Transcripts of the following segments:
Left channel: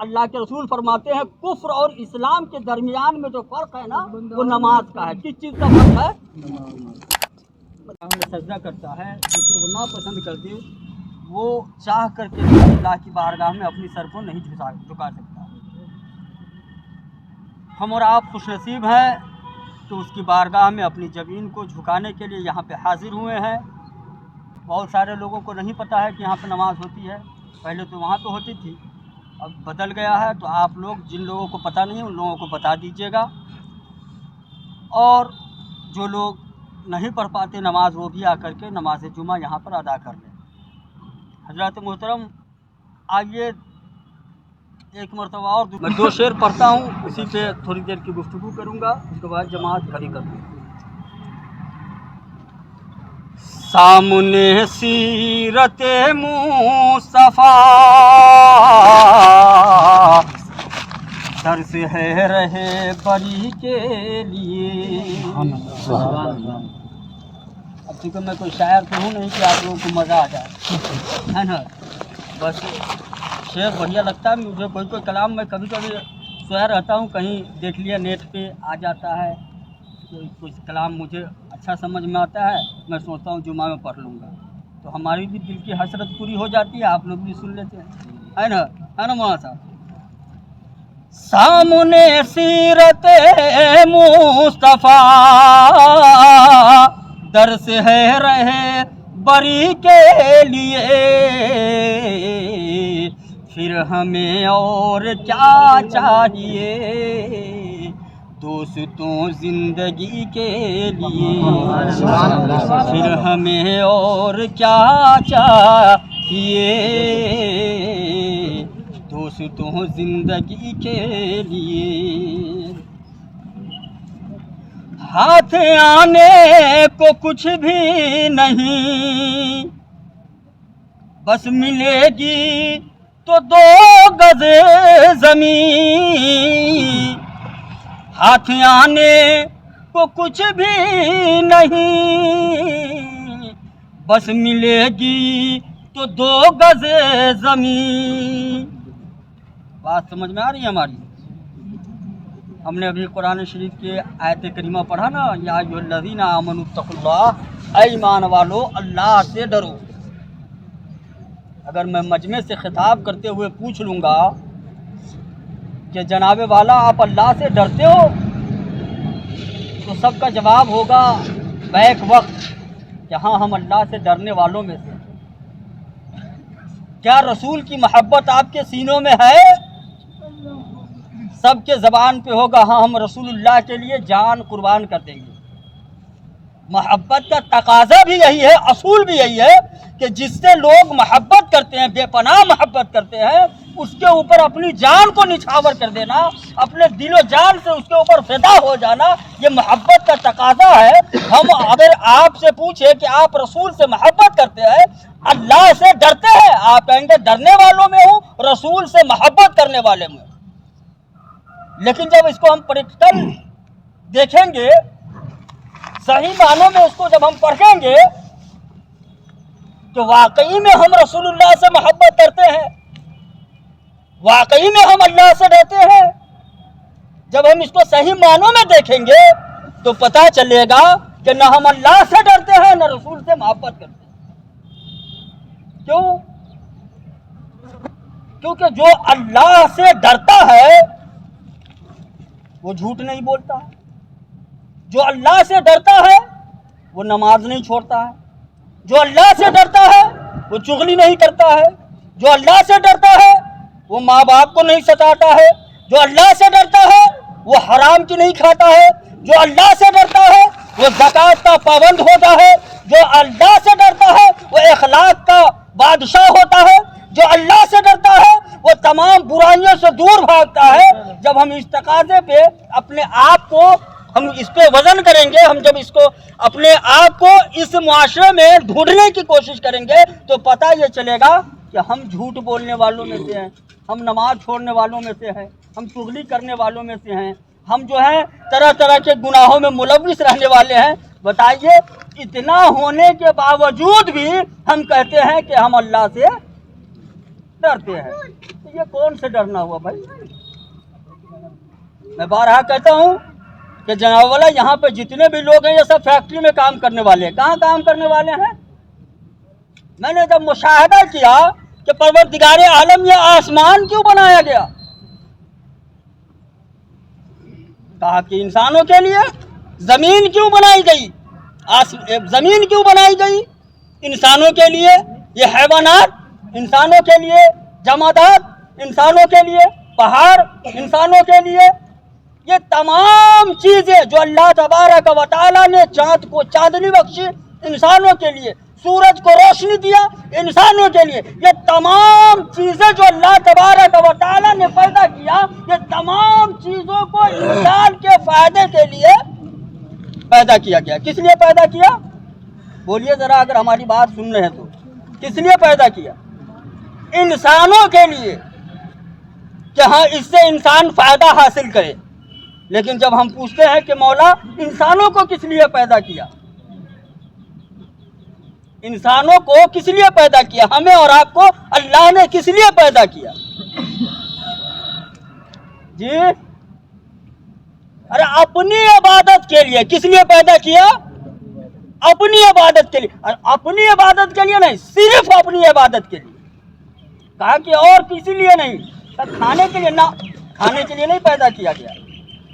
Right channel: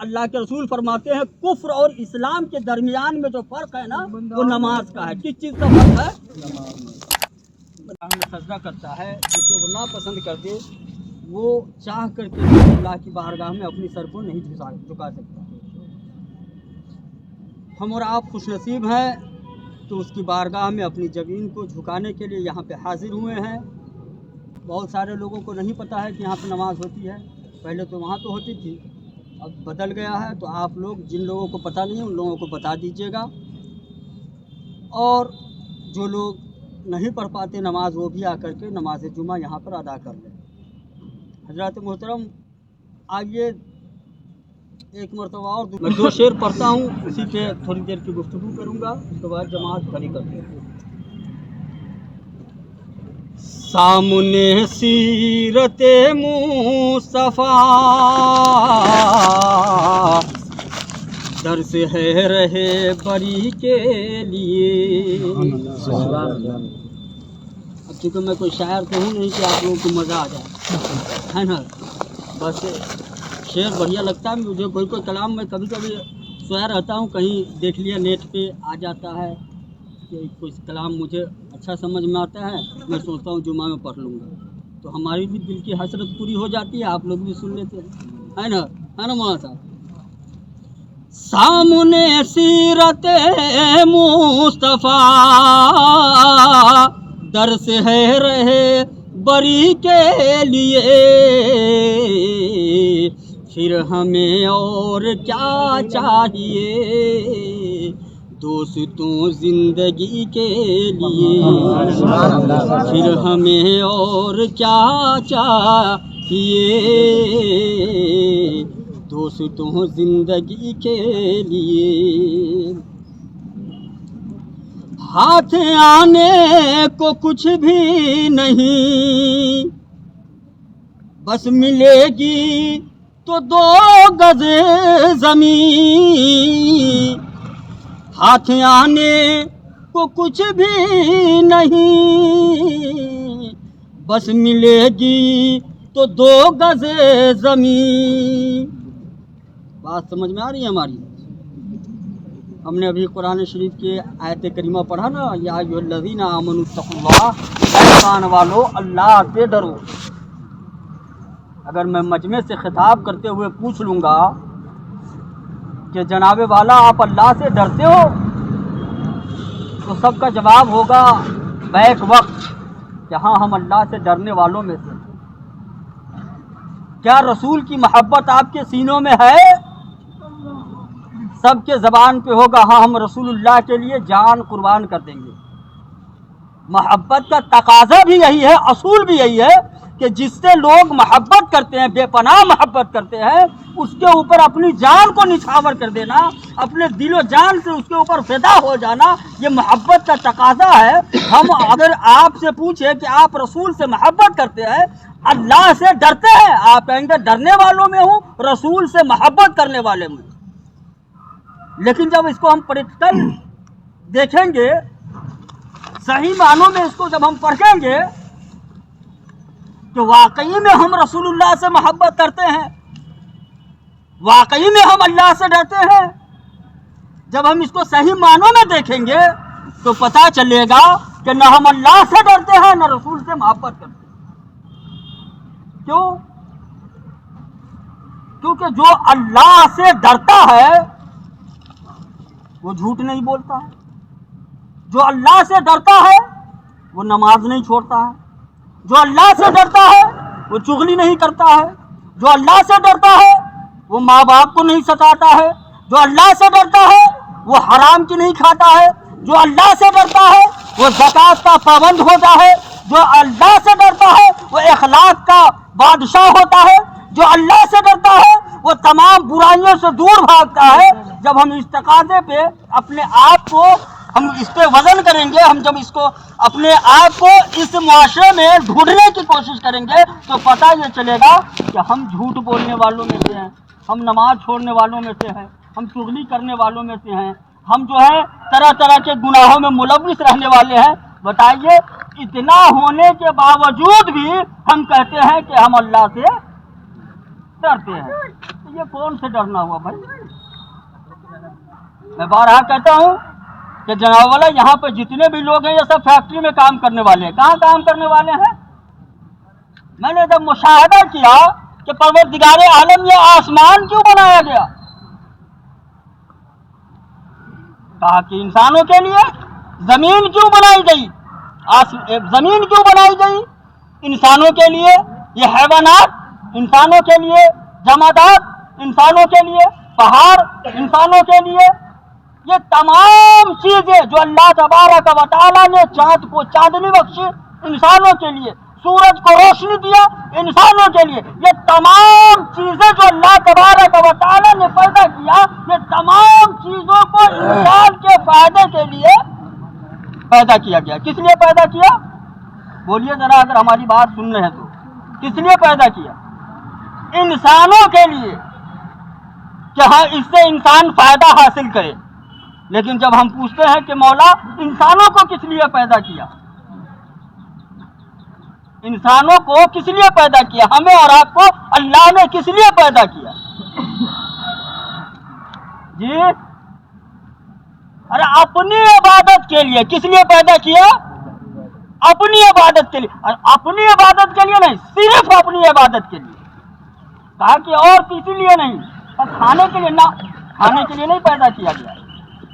अल्लाह के रसूल फरमाते हैं कुफ्र और इस्लाम के दरमियान में जो फ़र्क है ना वो नमाज का है। किस चीज़ का फ़र्क है? में सजदा करता है, जिसे वो नापसंद करते वो चाह करके अल्लाह की बारगाह में अपनी सर को नहीं झुका सकता। हम और आप खुशनसीब हैं तो उसकी बारगाह में अपनी ज़मीन को झुकाने के लिए यहाँ पे हाजिर हुए हैं। बहुत सारे लोगों को नहीं पता है कि यहाँ पे नमाज होती है, पहले तो वहाँ पे होती थी, अब बदल गया है। तो आप लोग जिन लोगों को पता नहीं उन लोगों को बता दीजिएगा, और जो लोग नहीं पढ़ पाते नमाज वो भी आकर के नमाज जुमा यहाँ पर अदा कर लें। हज़रत मोहतरम आइए एक मरतबा और मैं 2 शेर पढ़ता हूँ, उसी पे थोड़ी देर की गुफ्तगू करूँगा, उसके बाद जमात खड़ी कर दूँगा। सामने सीरते मुस्तफा दर से है रहे बरी के लिए। अब चूँकि मैं कोई शायर तो हूँ नहीं कि आप लोगों को मज़ा आ जाए, है ना। बस शेर बढ़िया लगता है मुझे। कोई कलाम मैं कभी कभी सोया रहता हूँ, कहीं देख लिया नेट पे आ जाता है कि कोई कलाम मुझे अच्छा समझ में आता है, मैं सोचता हूँ जुमा में पढ़ लूँगा, तो हमारी भी दिल की हसरत पूरी हो जाती है, आप लोग भी सुन लेते हैं, है ना मौलाना साहब। सामने सीरते मुस्तफा दर से है रहे बरी के लिए, फिर हमें और क्या चाहिए दोस्तों जिंदगी के लिए, फिर हमें और क्या चाहिए दोस्तों जिंदगी के लिए। हाथ आने को कुछ भी नहीं, बस मिलेगी तो 2 गज ज़मीन। हाथ आने को कुछ भी नहीं, बस मिलेगी तो 2 गज ज़मीन। बात समझ में आ रही है हमारी? हमने अभी कुरान शरीफ के आयत करीमा पढ़ा ना, या अय्युहल्लज़ीना आमनुत्तक़ुल्लाह, ऐ ईमान वालो अल्लाह से डरो। अगर मैं मजमे से खिताब करते हुए पूछ लूँगा कि जनाबे वाला आप अल्लाह से डरते हो, तो सबका जवाब होगा बैक वक्त कि हाँ हम अल्लाह से डरने वालों में से। क्या रसूल की मोहब्बत आपके सीनों में है? सबके ज़बान पे होगा हाँ हम रसूलुल्लाह के लिए जान कुर्बान कर देंगे। मोहब्बत का तकाज़ा भी यही है, असूल भी यही है कि जिससे लोग मोहब्बत करते हैं, बेपनाह मोहब्बत करते हैं, उसके ऊपर अपनी जान को निछावर कर देना, अपने दिलो जान से उसके ऊपर फिदा हो जाना, ये मोहब्बत का तकाज़ा है। हम अगर आपसे पूछे कि आप रसूल से मोहब्बत करते हैं, अल्लाह से डरते हैं, आप कहेंगे डरने वालों में हूँ, रसूल से मोहब्बत करने वाले में। लेकिन जब इसको हम प्रैक्टिकल देखेंगे, सही मानों में उसको जब हम पढ़ेंगे तो वाकई में हम रसूलुल्लाह से मोहब्बत करते हैं, वाकई में हम अल्लाह से डरते हैं। जब हम इसको सही मानों में देखेंगे तो पता चलेगा कि न हम अल्लाह से डरते हैं न रसूल से मोहब्बत करते हैं। क्यों? क्योंकि जो अल्लाह से डरता है वो झूठ नहीं बोलता है, जो अल्लाह से डरता है वो नमाज नहीं छोड़ता है, जो अल्लाह से डरता है वो चुगली नहीं करता है, जो अल्लाह से डरता है वो माँ बाप को नहीं सताता है, जो अल्लाह से डरता है वो हराम की नहीं खाता है, जो अल्लाह से डरता है वो ज़कात का पाबंद होता है, जो अल्लाह से डरता है वो अखलाक का बादशाह होता है, जो अल्लाह से डरता है वो तमाम बुराइयों से दूर भागता है। जब हम इस तकाज़े पे अपने आप को हम इस पे वजन करेंगे, हम जब इसको अपने आप को इस मुआशरे में ढूंढने की कोशिश करेंगे तो पता ये चलेगा कि हम झूठ बोलने वालों में से हैं, हम नमाज छोड़ने वालों में से हैं, हम चुगली करने वालों में से हैं, हम जो है तरह तरह के गुनाहों में मुलव्विस रहने वाले हैं। बताइए, इतना होने के बावजूद भी हम कहते हैं कि हम अल्लाह से डरते हैं। ये कौन से डरना हुआ भाई? मैं बारहा कहता हूँ कि जनाब वाला यहाँ पे जितने भी लोग हैं ये सब फैक्ट्री में काम करने वाले हैं। कहाँ काम करने वाले हैं? मैंने जब मुशाहिदा किया कि परवरदिगार आलम ये आसमान क्यों बनाया गया, कहा कि इंसानों के लिए। जमीन क्यों बनाई गई? जमीन क्यों बनाई गई? इंसानों के लिए। ये हैवानात इंसानों के लिए, जमादात इंसानों के लिए, पहाड़ इंसानों के लिए। ये तमाम चीजें जो अल्लाह तबारक व तआला ने चाँद को चांदनी बख्शी इंसानों के लिए, सूरज को रोशनी दिया इंसानों के लिए, ये तमाम चीजें जो अल्लाह तबारक व तआला ने पैदा किया, ये तमाम चीजों को इंसान के फायदे के लिए पैदा किया गया। किस लिए पैदा किया? बोलिए जरा, अगर हमारी बात सुन रहे हैं तो किस लिए पैदा किया? इंसानों के लिए कि हाँ इससे इंसान फायदा हासिल करे। लेकिन जब हम पूछते हैं कि मौला इंसानों को किस लिए पैदा किया, इंसानों को किस लिए पैदा किया, हमें और आपको अल्लाह ने किस लिए पैदा किया जी? अरे अपनी इबादत के लिए। किस लिए पैदा किया? अपनी इबादत के लिए। और अपनी इबादत के लिए नहीं, सिर्फ अपनी इबादत के लिए। कहा कि और किसी लिए नहीं, खाने के लिए ना, खाने के लिए नहीं पैदा किया गया,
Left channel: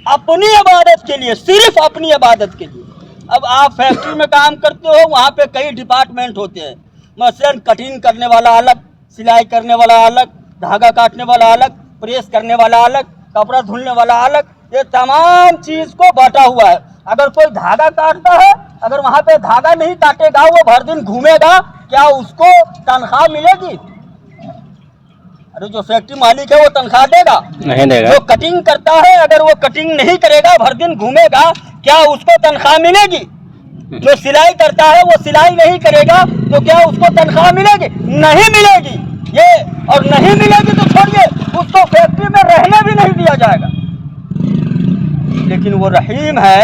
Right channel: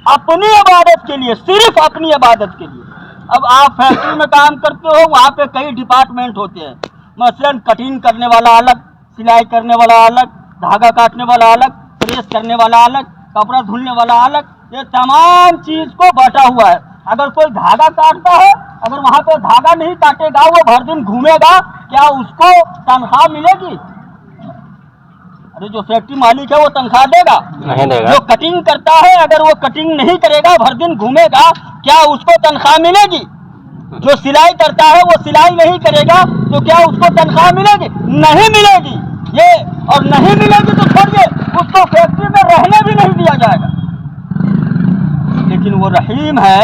अपनी इबादत के लिए, सिर्फ अपनी इबादत के लिए। अब आप फैक्ट्री में काम करते हो, वहाँ पे कई डिपार्टमेंट होते हैं। मसलन कटिंग करने वाला अलग, सिलाई करने वाला अलग, धागा काटने वाला अलग, प्रेस करने वाला अलग, कपड़ा धुलने वाला अलग। ये तमाम चीज को बांटा हुआ है। अगर कोई धागा काटता है, अगर वहाँ पे धागा नहीं काटेगा, वो भर दिन घूमेगा, क्या उसको तनख्वाह मिलेगी? अरे जो फैक्ट्री मालिक है वो तनख्वाह देगा? नहीं देगा। जो कटिंग करता है, अगर वो कटिंग नहीं करेगा, भर दिन घूमेगा, क्या उसको तनख्वाह मिलेगी? जो सिलाई करता है वो सिलाई नहीं करेगा, तो क्या उसको तनख्वाह मिलेगी? नहीं मिलेगी। ये और नहीं मिलेगी तो छोड़िए, उसको फैक्ट्री में रहने भी नहीं दिया जाएगा। लेकिन वो रहीम है,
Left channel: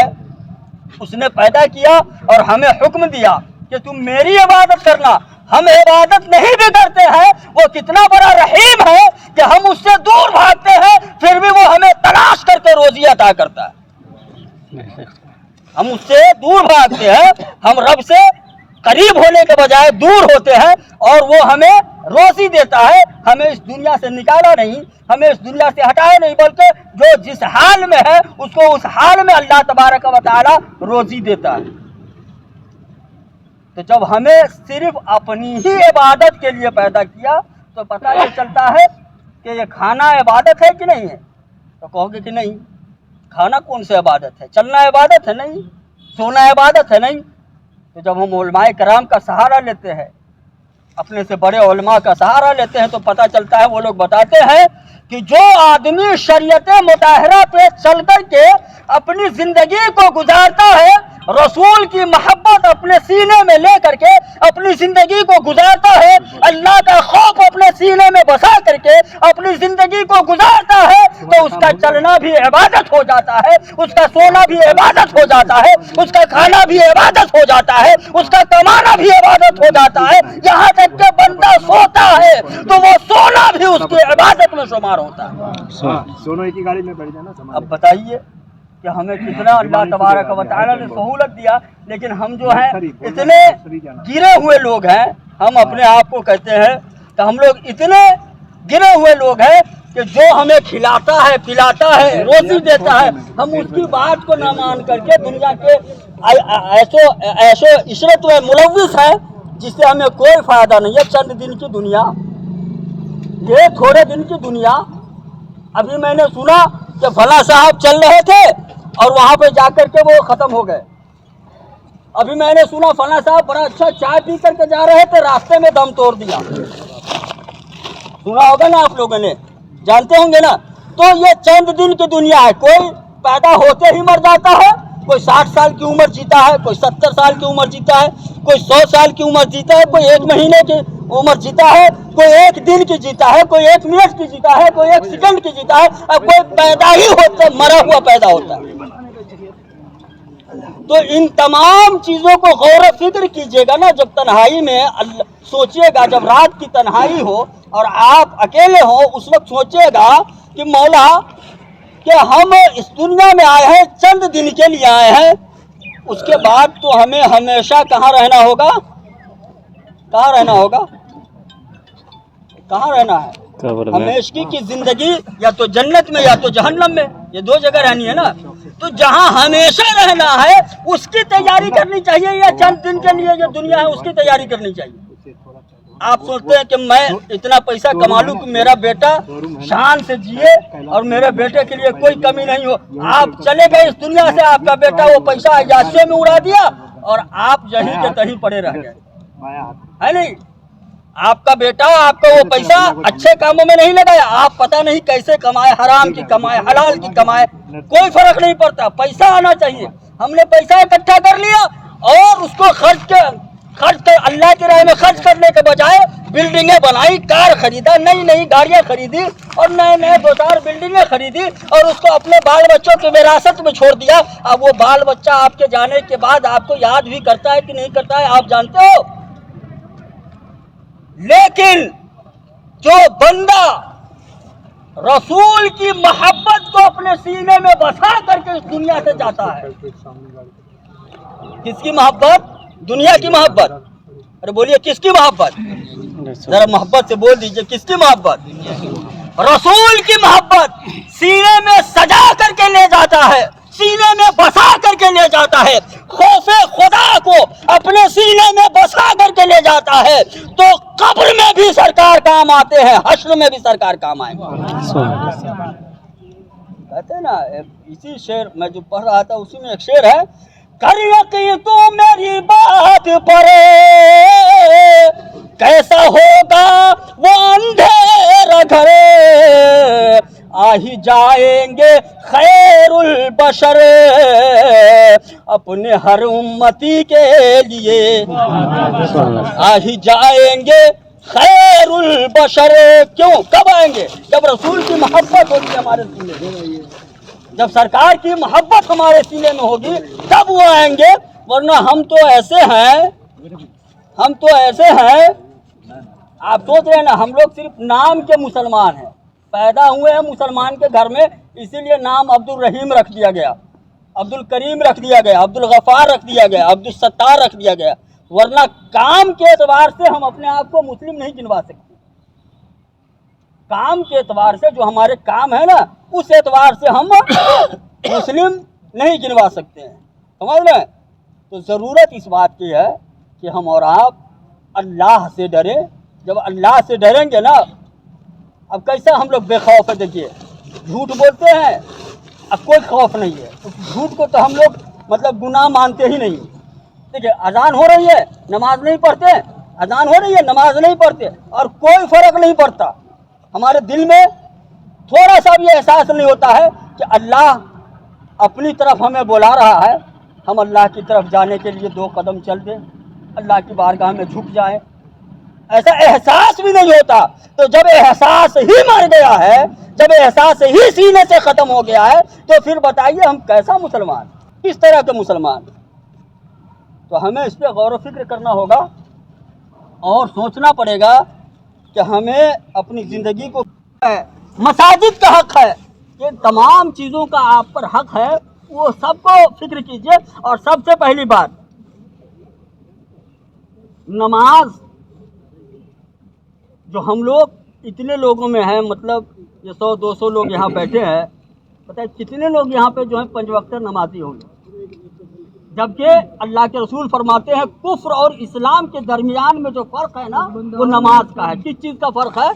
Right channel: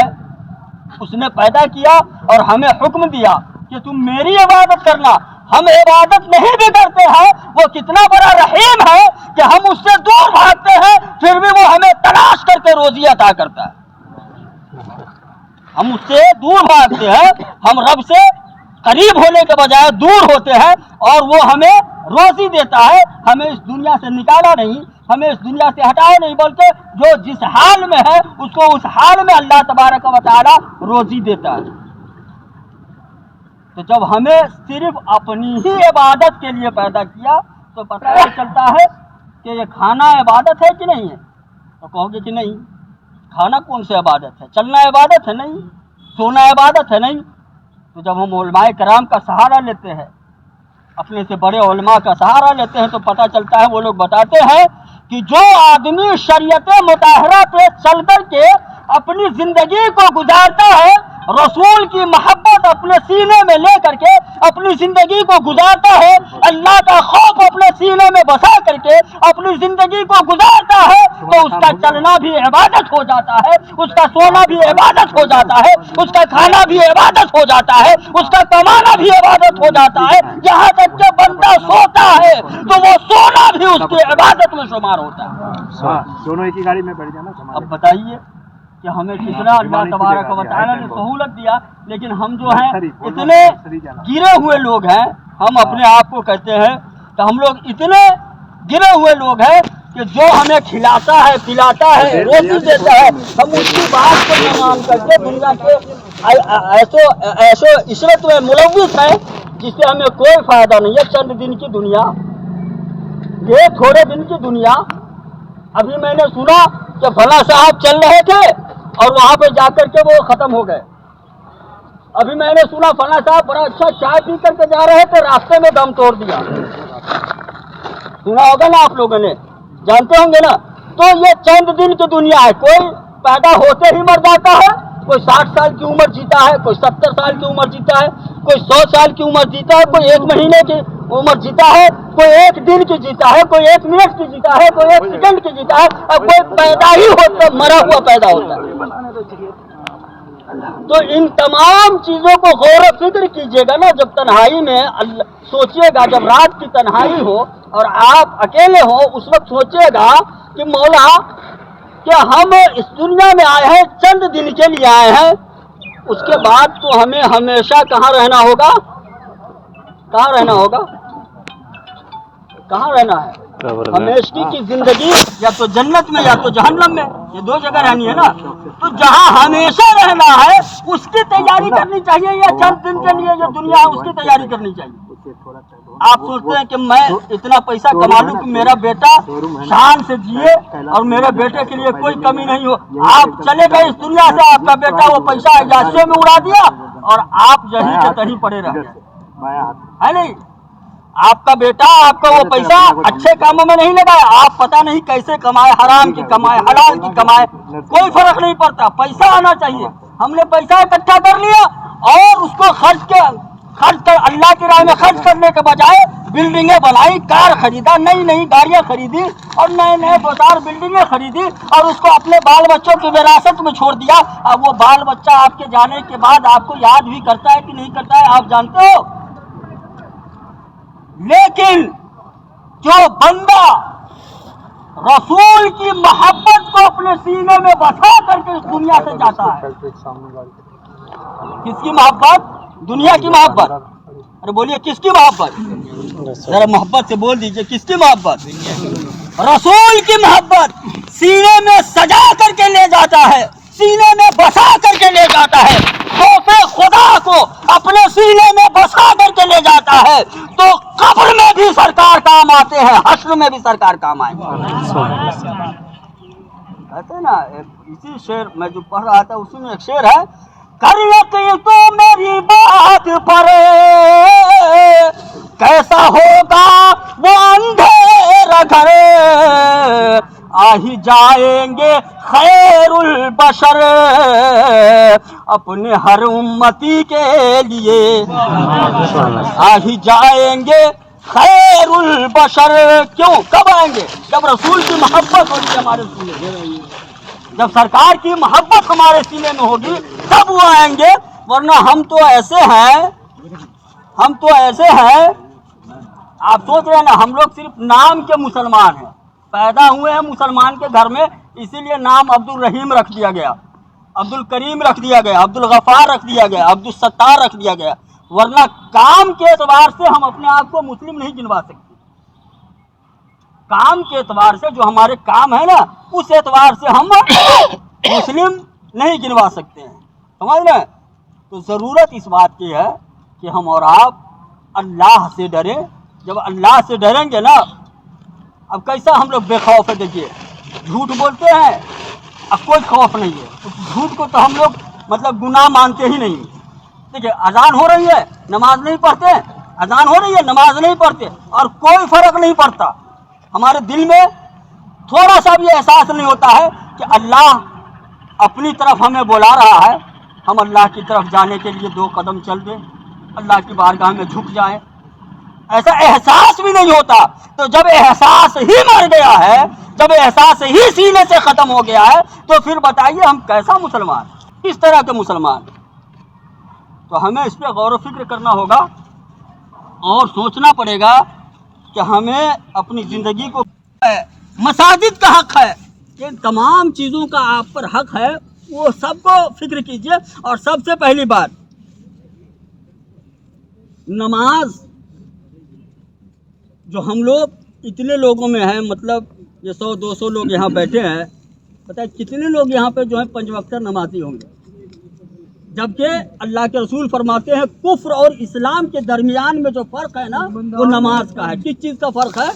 उसने पैदा किया और हमें हुक्म दिया कि तुम मेरी इबादत करना। हम इबादत नहीं भी करते हैं, वो कितना बड़ा रहीम है कि हम उससे दूर भागते हैं, फिर भी वो हमें तलाश करके रोजी अता करता है। हम उससे दूर भागते हैं, हम रब से करीब होने के बजाय दूर होते हैं, और वो हमें रोजी देता है। हमें इस दुनिया से निकाला नहीं, हमें इस दुनिया से हटाया नहीं, बल्कि जो जिस हाल में है उसको उस हाल में अल्लाह तबारक व तआला रोजी देता है। तो जब हमें सिर्फ अपनी ही इबादत के लिए पैदा किया, तो पता नहीं चलता है कि ये खाना इबादत है कि नहीं है। तो कहोगे कि नहीं, खाना कौन सी इबादत है? चलना इबादत है नहीं, सोना इबादत है नहीं। तो जब हम उलमाए कराम का सहारा लेते हैं, अपने से बड़े उलमा का सहारा लेते हैं, तो पता चलता है, वो लोग बताते हैं कि जो आदमी शरीयत मुताहरा पे चल कर के अपनी जिंदगी को गुजारता है, रसूल की मोहब्बत अपने सीने में ले करके अपनी जिंदगी को गुजारता है, अल्लाह का खौफ अपने सीने में बसा करके अपनी जिंदगी को गुजारता है, तो उसका चलना भी इबादत हो जाता है, उसका सोना भी इबादत हो जाता है, उसका खाना भी इबादत हो जाता है, उसका कमाना भी इबादत हो जाता है। यहाँ तक कि बंदा सोता है तो वो सोना भी उसकी इबादत में शुमार होता है। सोने की गाड़ी में बैठ जाना। अब बताइए कि हमें कितना अल्लाह तबारक व तआला ने सहूलत दिया, लेकिन हम जो हैं इतने गिरे हुए लोग हैं। हम अपने आप को कहते हैं कि हम लोग इतने गिरे हुए लोग हैं कि जो हमें खिलाता है, पिलाता है, रोटी देता है, हम उसकी बात को न मान करके दुनिया के ऐसो इशरत में मुलव्विस है, जिससे हमें कोई फायदा नहीं है। चंद दिन की दुनिया, ये थोड़े दिन की दुनिया। अभी मैंने सुना कि फला साहब चल रहे थे और वहाँ पे जाकर के वो खत्म हो गए। अभी मैंने सुना फला साहब बड़ा अच्छा चाय पी करके जा रहे थे, रास्ते में दम तोड़ दिया। सुना होगा ना आप लोगों ने, जानते होंगे ना। तो ये चंद दिन की दुनिया है। कोई पैदा होते ही मर जाता है, कोई 60 साल की उम्र जीता है, कोई 70 साल की उम्र जीता है, कोई 100 साल की उम्र जीता है, कोई 1 महीने की उम्र जीता है, कोई 1 दिन की जीता है, कोई 1 मिनट की जीता है, कोई 1 सेकंड की जीता है, और कोई पैदा ही होता मरा हुआ पैदा होता है। تو ان تمام چیزوں کو غور و فکر کیجیے گا نا جب تنہائی میں سوچیے گا، جب رات کی تنہائی ہو اور آپ اکیلے ہو، اس وقت سوچیے گا کہ مولا کہ ہم اس دنیا میں آئے ہیں، چند دن کے لیے آئے ہیں، اس کے بعد تو ہمیں ہمیشہ کہاں رہنا ہوگا؟ کہاں رہنا ہوگا؟ کہاں رہنا ہے؟ ہمیشگی کی زندگی یا تو جنت میں یا تو جہنم میں، یہ دو جگہ رہنی ہے نا۔ تو جہاں ہمیشہ رہنا ہے اس کی تیاری کرنی چاہیے، یا چند دن کے لیے جو دنیا ہے اس کی تیاری کرنی چاہیے؟ آپ سوچتے ہیں کہ میں اتنا پیسہ کما لوں کہ میرا بیٹا شان سے جیے اور میرے بیٹے کے لیے کوئی کمی نہیں ہو۔ آپ چلے گئے اس دنیا سے، آپ کا بیٹا وہ پیسہ عیاشیوں میں اڑا دیا اور آپ یہیں کے تہیں پڑے رہ گئے، ہے نہیں؟ آپ کا بیٹا آپ کا وہ پیسہ اچھے کاموں میں نہیں لگایا، آپ پتہ نہیں کیسے کمائے، حرام کی کمائے، حلال کی کمائے، کوئی فرق نہیں پڑتا، پیسہ آنا چاہیے۔ ہم نے پیسہ اکٹھا کر لیا اور اس کو خرچ کر اللہ کی راہ میں خرچ کرنے کے بجائے بلڈنگیں بنائی، کار خریدا، نئی نئی گاڑیاں خریدی اور نئے نئے دو چار بلڈنگیں خریدی اور اس کو اپنے بال بچوں کی وراثت میں چھوڑ دیا۔ اب وہ بال بچہ آپ کے جانے کے بعد آپ کو یاد بھی کرتا ہے کہ نہیں کرتا ہے آپ جانتے ہو؟ لیکن جو بندہ رسول کی محبت کو اپنے سینے میں بسا کر کے اس دنیا سے جاتا ہے، کس کی محبت؟ دنیا کی محبت؟ ارے بولیے کس کی محبت؟ ذرا محبت سے بول دیجئے، کس کی محبت؟ رسول کی محبت سینے میں سجا کر کے لے جاتا ہے، سینے میں بسا کر کے لے جاتا ہے، خوف خدا کو اپنے سینے میں بسا کر کے لے جاتا ہے، تو قبر میں بھی سرکار کام آتے ہیں، حشر میں بھی سرکار کام آئیں گے۔ کہتے ہیں نا، اسی شعر میں جو پڑھ رہا تھا اسی میں ایک شعر ہے، کر یقین تو میری بات پر کیسا ہوگا وہ اندھیرا گھر، آ ہی جائیں گے خیر البشر اپنے ہر امتی کے لیے، آ ہی جائیں گے خیر البشر۔ کیوں؟ کب آئیں گے؟ جب رسول کی محبت ہوگی ہمارے سینے میں، جب سرکار کی محبت ہمارے سینے میں ہوگی تب وہ آئیں گے، ورنہ ہم تو ایسے ہیں، آپ سوچ رہے ہیں نا، ہم لوگ صرف نام کے مسلمان ہیں، پیدا ہوئے ہیں مسلمان کے گھر میں، اسی لیے نام عبد الرحیم رکھ دیا گیا، عبد الکریم رکھ دیا گیا، عبد الغفار رکھ دیا گیا، عبد الستار رکھ دیا گیا، ورنہ کام کے اعتبار سے ہم اپنے آپ کو مسلم نہیں گنوا سکتے۔ کام کے اعتبار سے جو ہمارے کام ہے نا، اس اعتبار سے ہم مسلم نہیں گنوا سکتے ہیں، سمجھ رہے ہیں؟ تو ضرورت اس بات کی ہے کہ ہم اور آپ اللہ سے ڈریں۔ جب اللہ سے ڈریں گے نا، اب کیسا ہم لوگ بے خوف ہے، دیکھیے جھوٹ بولتے ہیں، اب کوئی خوف نہیں ہے، اس جھوٹ کو تو ہم لوگ مطلب گناہ مانتے ہی نہیں۔ دیکھیے اذان ہو رہی ہے، نماز نہیں پڑھتے، اذان ہو رہی ہے، نماز نہیں پڑھتے، اور کوئی فرق نہیں پڑتا، ہمارے دل میں تھوڑا سا بھی احساس نہیں ہوتا ہے کہ اللہ اپنی طرف ہمیں بلا رہا ہے، ہم اللہ کی طرف جانے کے لیے 2 قدم چل دیں، اللہ کی بارگاہ میں جھک جائیں، ایسا احساس بھی نہیں ہوتا۔ تو جب احساس ہی مر گیا ہے، جب احساس ہی سینے سے ختم ہو گیا ہے، تو پھر بتائیے ہم کیسا مسلمان، کس طرح کے مسلمان؟ تو ہمیں اس پہ غور و فکر کرنا ہوگا اور سوچنا پڑے گا کہ ہمیں اپنی زندگی کو، مساجد کا حق ہے، ان تمام چیزوں کا آپ پر حق ہے، وہ سب کو فکر کیجئے۔ اور سب سے پہلی بات، نماز جو ہم لوگ اتنے لوگوں میں ہیں، مطلب یہ 100-200 لوگ یہاں بیٹھے ہیں، پتہ ہے کتنے لوگ یہاں پہ جو ہیں 5 وقت نمازی ہوں گے، جبکہ اللہ کے رسول فرماتے ہیں کفر اور اسلام کے درمیان میں جو فرق ہے نا وہ نماز کا ہے۔ کس چیز کا فرق ہے؟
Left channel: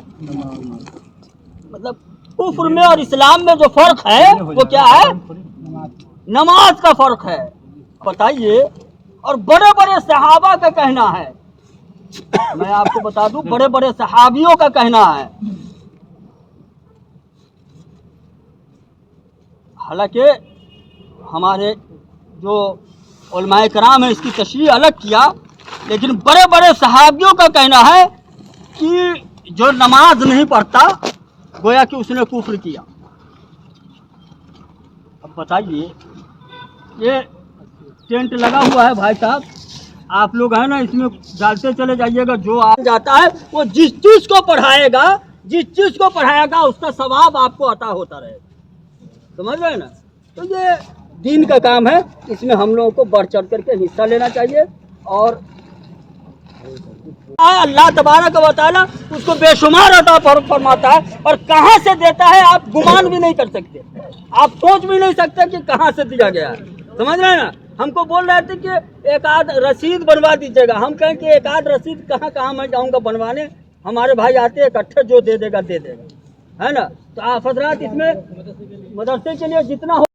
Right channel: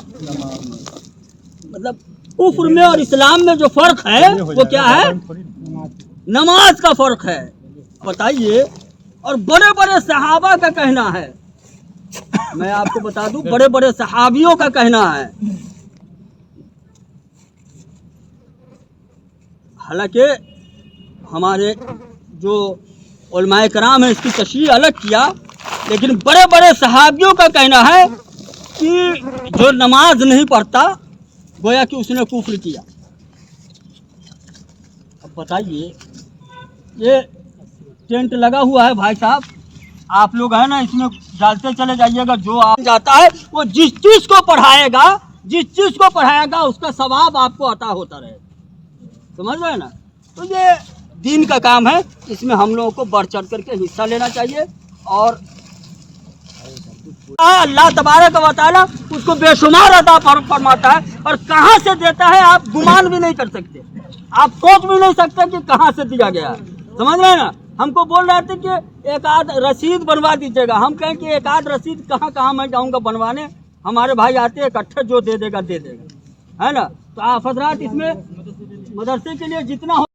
مطلب کفر میں اور اسلام میں جو فرق ہے وہ کیا ہے؟ نماز کا فرق ہے، بتائیے۔ اور بڑے بڑے صحابہ کا کہنا ہے، میں آپ کو بتا دوں، بڑے بڑے صحابیوں کا کہنا ہے، حالانکہ ہمارے جو علماء کرام ہیں اس کی تشریح الگ کیا، لیکن بڑے بڑے صحابیوں کا کہنا ہے کہ جو نماز نہیں پڑھتا گویا کہ اس نے کفر کیا۔ اب بتائیے، یہ टेंट लगा हुआ है भाई साहब, आप लोग है ना इसमें डालते चले जाइएगा। जो आप जाता है वो जिस चीज को पढ़ाएगा उसका सवाब आपको अता होता रहेगा, समझ रहे हैं ना। तो ये दीन का काम है, इसमें हम लोगों को बढ़ चढ़ करके हिस्सा लेना चाहिए। और अल्लाह तबारक व तआला उसको बेशुमार अता फरमाता है, और कहाँ से देता है आप गुमान भी नहीं कर सकते, आप सोच भी नहीं सकते कि कहाँ से दिया गया है, समझ रहे हैं ना। हमको बोल रहे थे कि एक आध रसीद बनवा दीजिएगा, हम कहें कि एक आध रसीद कहाँ मैं जाऊँगा बनवाने, हमारे भाई आते हैं इकट्ठे, जो दे देगा, है ना। तो आप हजरात इसमें मदरसे के लिए जितना हो